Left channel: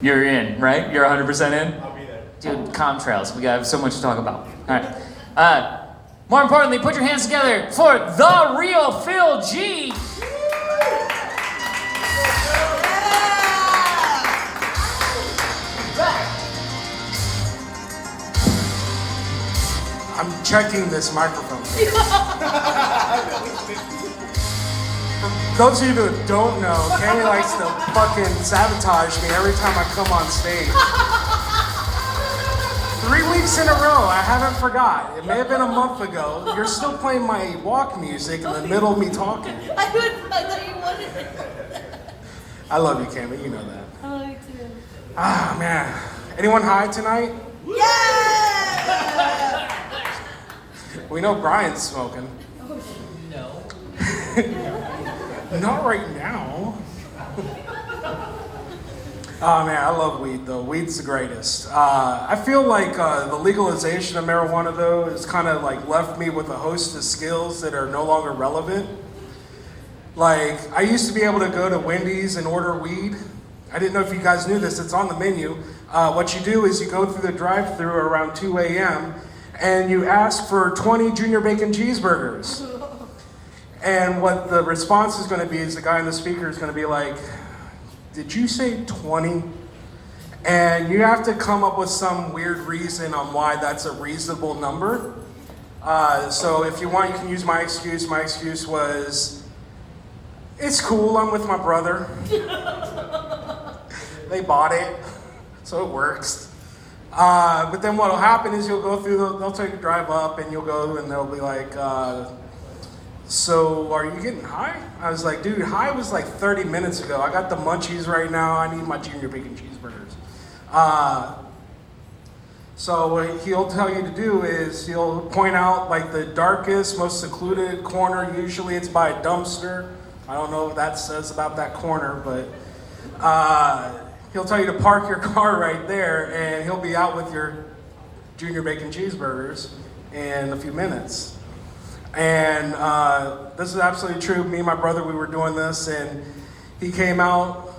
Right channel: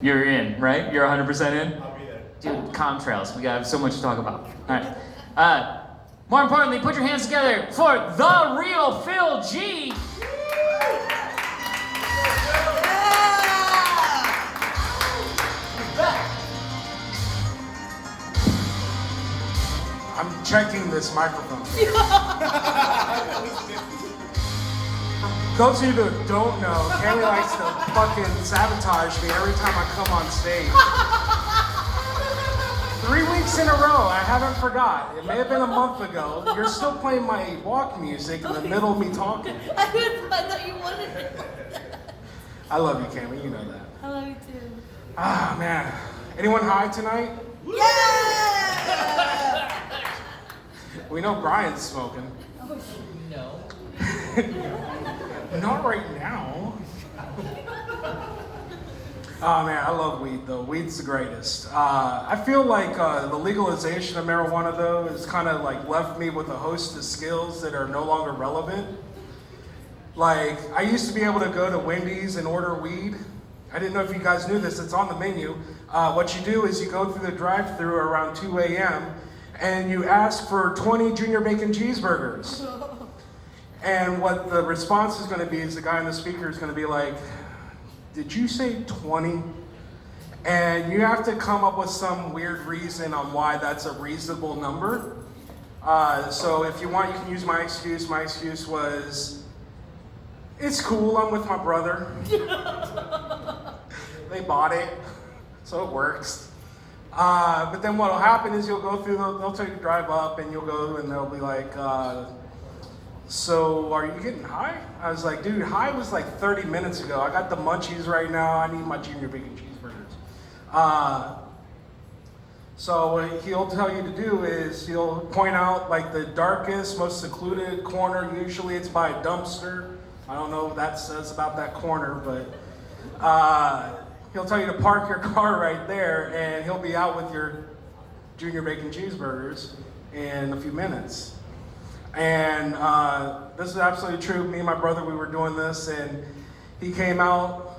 You're in, right? You're 100% in? I'll be there. Dude, contrails. We got so much to talk about. All right. More importantly, put your hands together for the real Phil G. I'm checking this microphone. For those of you who don't know, Cammy likes to fucking sabotage me every time I come on stage. 3 weeks in a row, I haven't forgot. It may have been a month ago. You're still playing my walk music in the middle of me talking. I thought you wanted it. I love you, Cammy. You know that. I love you too. Ah, man. Anyone high tonight? Yeah! We know Brian's smoking. No. Not right now. Oh man, I love weed though. Weed's the greatest. I feel like the legalization of marijuana though has kind of like left me with a host of skills that are no longer relevant. Like I used to be able to go to Wendy's and order weed. I didn't know if you guys knew this. It's on the menu. What you do is you go through the drive-thru around 2 a.m. and you ask for 20 junior bacon cheeseburgers. And what the response is going to be is the guy on the speaker is going to be like, did you say 20? And you have to come up with some weird reason on why that's a reasonable number. So if you want, you can use my excuse. My excuse was, it's cool, I'm with my brother. They bought it, so it works. But then what'll happen is you'll go through, they'll take a drive up and you'll go and they'll be like, so are you getting high? I was like, dude, high was like 30 minutes ago. I got the munchies right now. I need my junior bacon cheeseburgers. So what he'll tell you to do is he'll point out like the darkest, most secluded corner. Usually it's by a dumpster. I don't know what that says about that corner, but he'll tell you to park your car right there and he'll be out with your junior bacon cheeseburgers in a few minutes. And this is absolutely true. Me and my brother, we were doing this, and he came out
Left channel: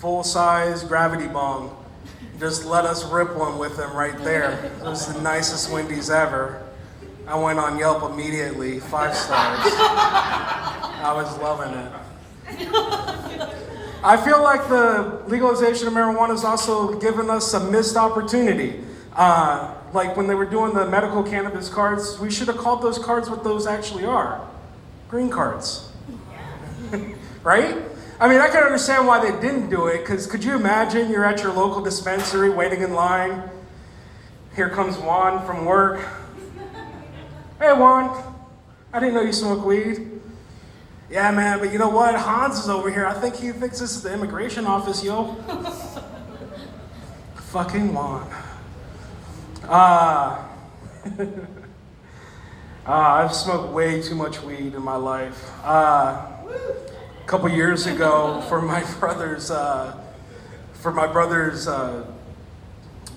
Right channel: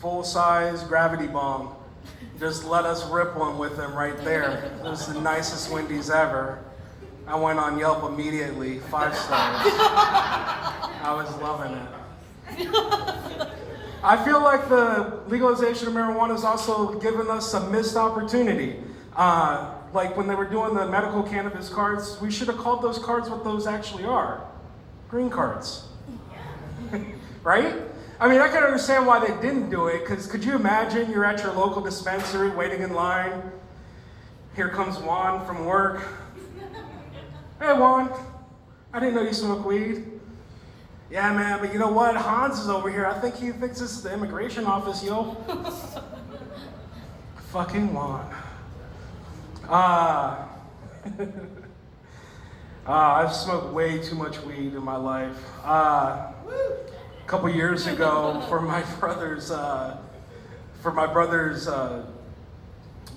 full-size gravity bong. Just let us rip one with him right there. It was the nicest Wendy's ever. I went on Yelp immediately, 5 stars. I was loving it. I feel like the legalization of marijuana has also given us a missed opportunity. Like when they were doing the medical cannabis cards, we should have called those cards what those actually are. Green cards. Right? I mean, I can understand why they didn't do it, because could you imagine you're at your local dispensary waiting in line. Here comes Juan from work. Hey Juan, I didn't know you smoke weed. Yeah man, but you know what? Hans is over here. I think he thinks this is the immigration office, yo. Fucking Juan. I've smoked way too much weed in my life. A couple years ago, for my brother's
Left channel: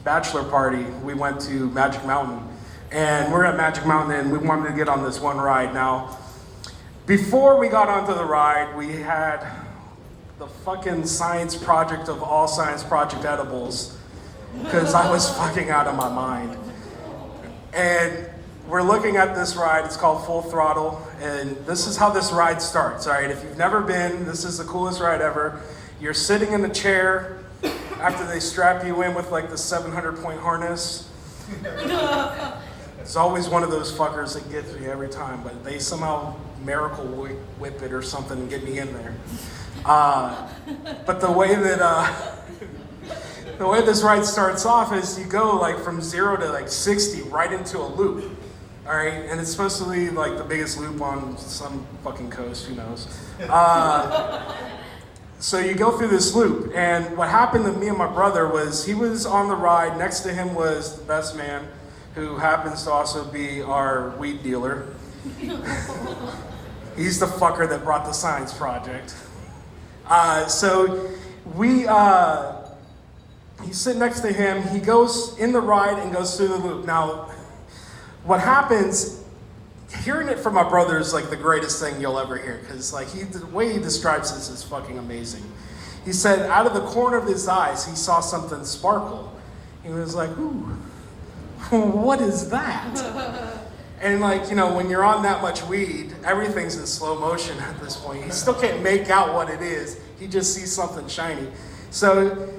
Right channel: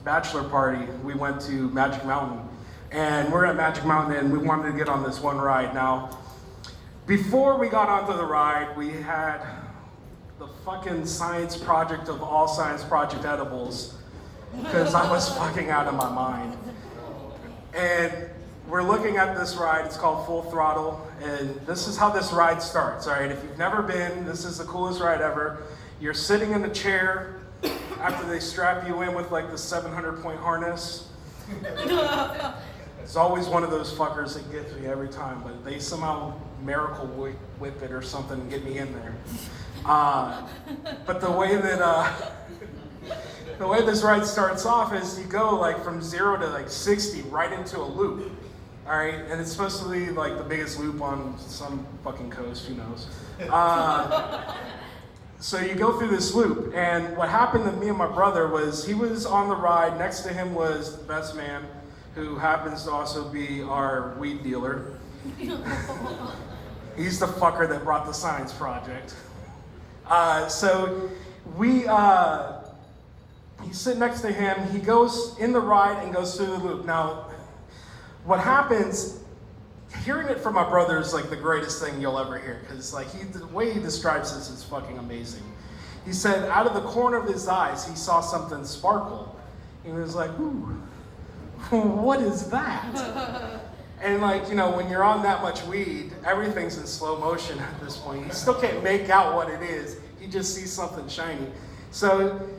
bachelor party, we went to Magic Mountain, and we're at Magic Mountain, and we wanted to get on this one ride. Now, before we got onto the ride, we had the fucking science project of all science project edibles, because I was fucking out of my mind. And we're looking at this ride, it's called Full Throttle, and this is how this ride starts, all right? If you've never been, this is the coolest ride ever. You're sitting in a chair after they strap you in with like the 700-point harness. It's always one of those fuckers that gets me every time, but they somehow miracle whip it or something and get me in there. But the way this ride starts off is you go like from 0 to like 60 right into a loop, all right? And it's supposed to be like the biggest loop on some fucking coast, who knows? So you go through this loop, and what happened to me and my brother was he was on the ride, next to him was the best man, who happens to also be our weed dealer. He's the fucker that brought the science project. So he's sitting next to him, he goes in the ride and goes through the loop. Now, what happens, hearing it from my brother is like the greatest thing you'll ever hear, because like the way he describes this is fucking amazing. He said out of the corner of his eyes, he saw something sparkle. He was like, ooh, what is that? And like, you know, when you're on that much weed, everything's in slow motion at this point. He still can't make out what it is. He just sees something shiny. So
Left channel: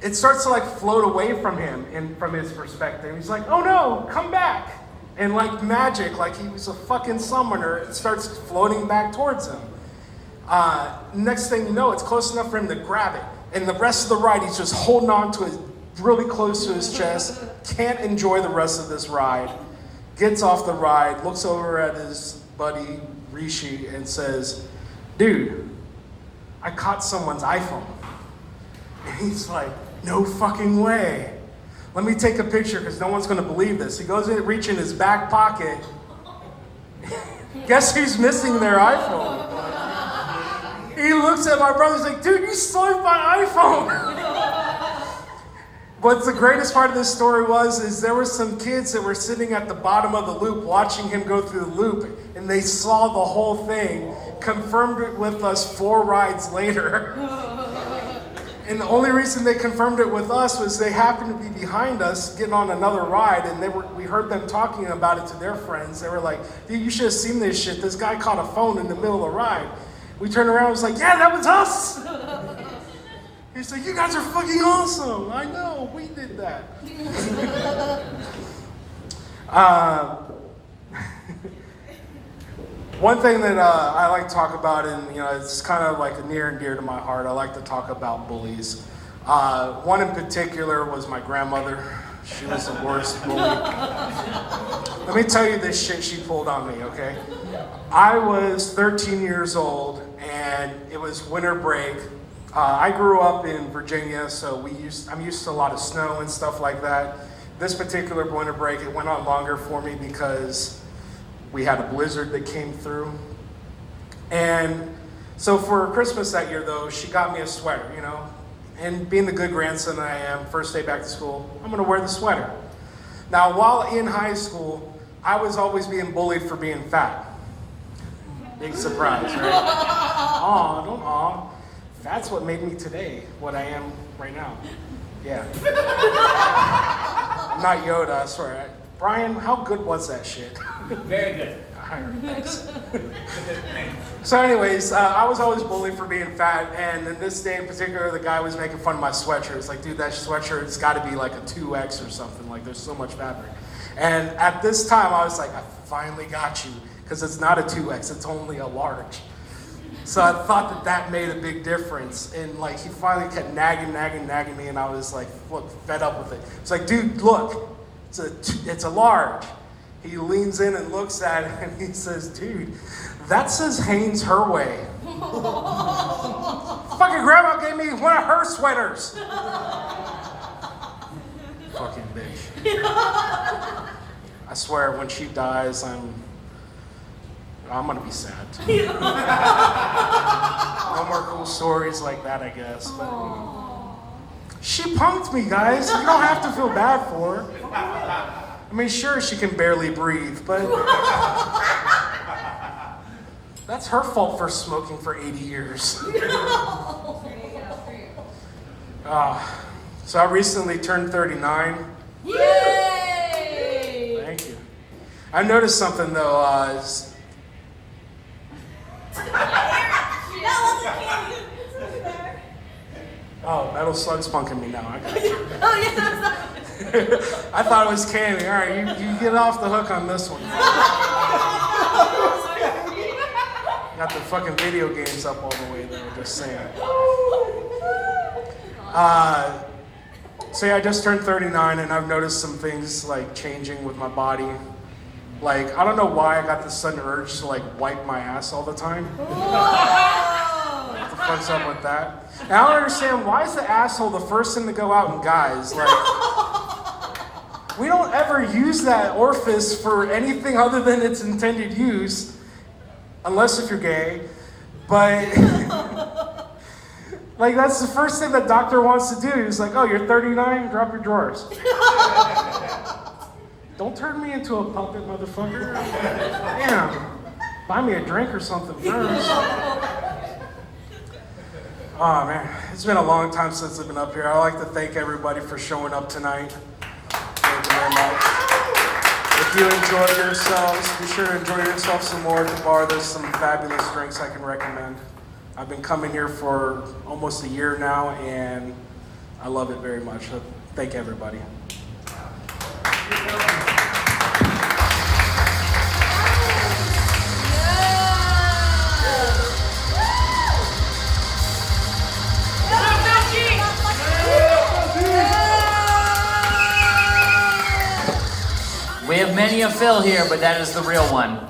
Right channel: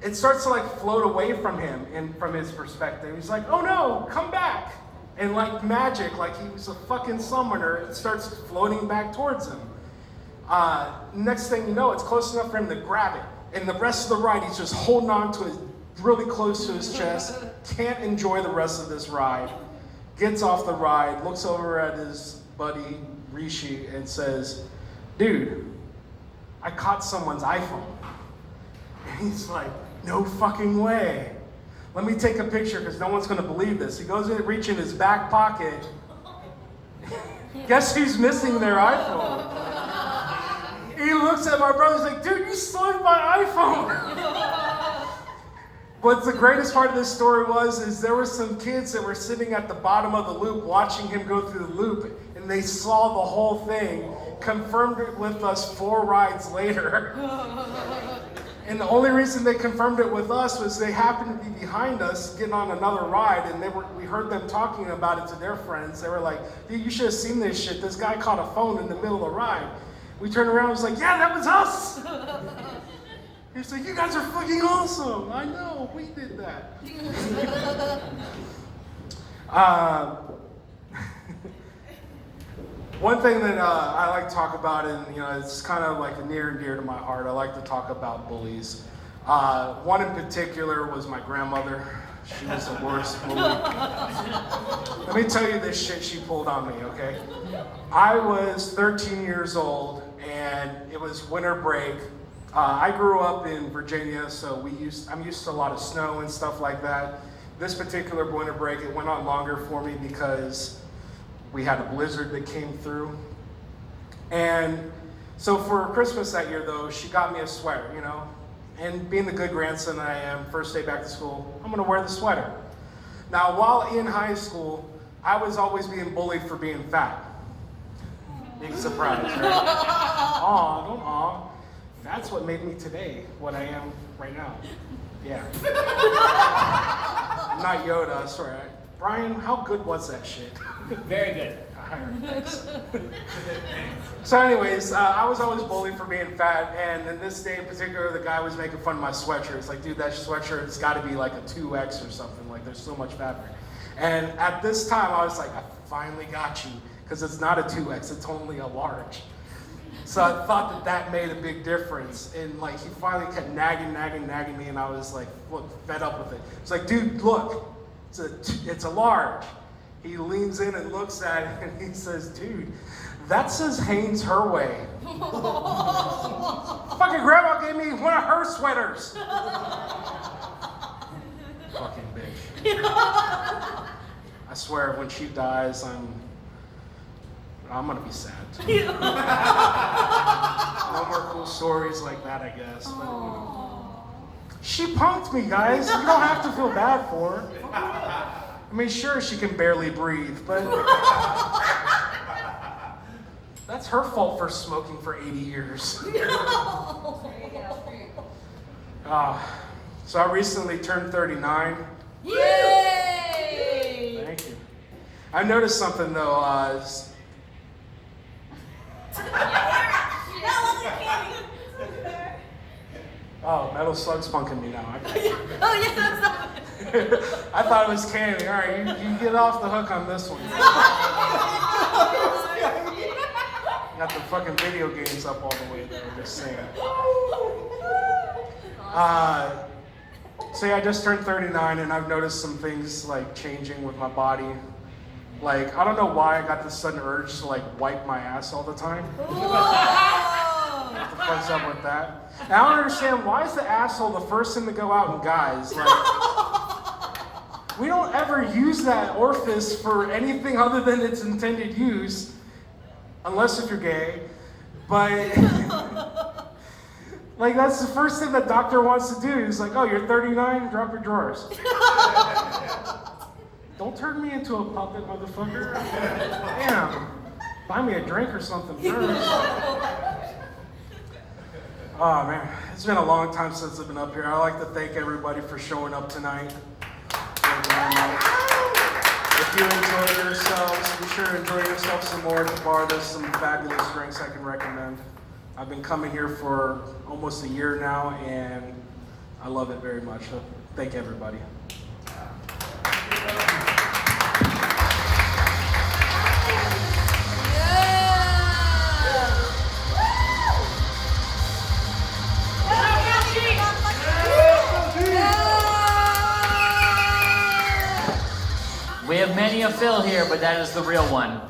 it starts to like float away from him and from his perspective. He's like, oh no, come back. And like magic, like he was a fucking summoner, it starts floating back towards him. Next thing you know, it's close enough for him to grab it. And the rest of the ride, he's just holding on to it really close to his chest. Can't enjoy the rest of this ride. Gets off the ride, looks over at his buddy Rishi and says, dude, I caught someone's iPhone. And he's like, no fucking way. Let me take a picture because no one's gonna believe this. He goes in, reach in his back pocket. Guess who's missing their iPhone? He looks at my brother, he's like, dude, you stole my iPhone. But the greatest part of this story is there were some kids that were sitting at the bottom of the loop watching him go through the loop, and they saw the whole thing, confirmed it with us 4 rides later. And the only reason they confirmed it with us was they happened to be behind us getting on another ride, and we heard them talking about it to their friends. They were like, dude, you should have seen this shit. This guy caught a phone in the middle of the ride. We turned around and was like, yeah, that was us. He's like, you guys are fucking awesome. I know, we did that. One thing that I like to talk about, and you know, it's kind of like near and dear to my heart, I like to talk about bullies. One in particular was my grandmother. She was the worst bully. Let me tell you this shit she pulled on me, okay? I was 13 years old, and it was winter break. I grew up in Virginia, so I'm used to a lot of snow and stuff like that. This particular winter break, it went on longer for me because we had a blizzard that came through. And so for Christmas that year, though, she got me a sweater, you know. And being the good grandson that I am, first day back to school, I'm gonna wear the sweater. Now, while in high school, I was always being bullied for being fat. Big surprise, right? Aw, don't aw. That's what made me today what I am right now. Yeah. I'm not Yoda, I swear. Brian, how good was that shit? Very good. Thanks. So anyways, I was always bullied for being fat, and in this day in particular, the guy was making fun of my sweatshirt. It's like, dude, that sweatshirt's gotta be like a 2X or something, like there's so much fabric. And at this time, I was like, I finally got you, because it's not a 2X, it's only a large. So I thought that made a big difference, and like he finally kept nagging me, and I was like, look, fed up with it. It's like, dude, look, it's a large. He leans in and looks at it, and he says, dude, that says Hanes her way. Fucking grandma gave me one of her sweaters. Fucking bitch. I swear, when she dies, I'm gonna be sad too. No more cool stories like that, I guess. But she punked me, guys. You don't have to feel bad for her. I mean, sure, she can barely breathe, but that's her fault for smoking for 80 years. So I recently turned 39. Yay! Thank you. I noticed something though. Oh, Metal Slug's punking me now. I got it. Oh, yes, I thought it was Cammy. All right, you get off the hook on this one. Got the fucking video games up all the way there, just saying. So yeah, I just turned 39, and I've noticed some things like changing with my body. Like, I don't know why I got this sudden urge to like wipe my ass all the time. What the fuck's up with that? And I don't understand, why is the asshole the first thing to go out in guys? Like, we don't ever use that orifice for anything other than its intended use, unless if you're gay. But like, that's the first thing the doctor wants to do. He's like, oh, you're 39, drop your drawers. Don't turn me into a puppet, motherfucker. Damn. Buy me a drink or something first. Oh man, it's been a long time since I've been up here. I'd like to thank everybody for showing up tonight. Thank you very much. If you enjoyed yourselves, be sure to enjoy yourself some more at the bar. There's some fabulous drinks I can recommend. I've been coming here for almost a year now, and I love it very much. So thank everybody. We have many a Phil here, but that is the real one.